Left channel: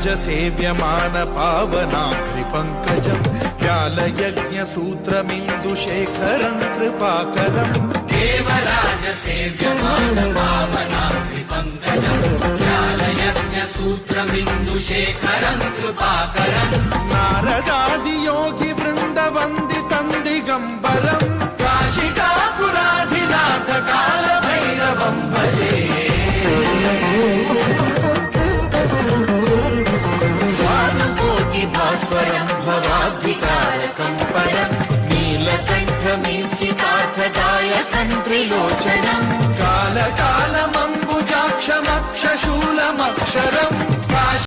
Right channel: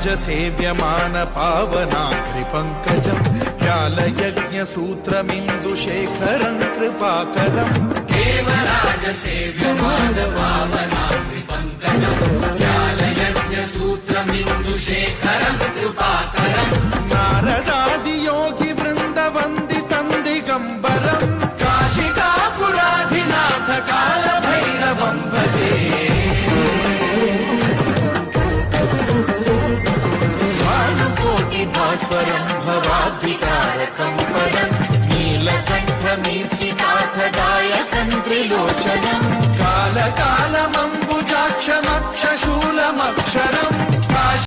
सेव्यमान पावनाघ्रिपङ्कजम् व्यालयज्ञसूत्रमिन्दुशेखरम् कृपाकरम् देवराज सेव्यमान पावनाघ्रिपङ्कजम् व्यालयज्ञसूत्रमिन्दुशेखरम् कृपाकरम् नारदादियोगि वृन्दवन्दितम् दिगम्बरम् काशिकापुराधिनाथ कालभैरवम् भजे भास्वरम् भवाब्धितारकम् परम् नीलकण्ठमीप्सितार्थदायकम् त्रिलोचनम् कालकालमम्बुजाक्षमक्षशूलमक्षरम्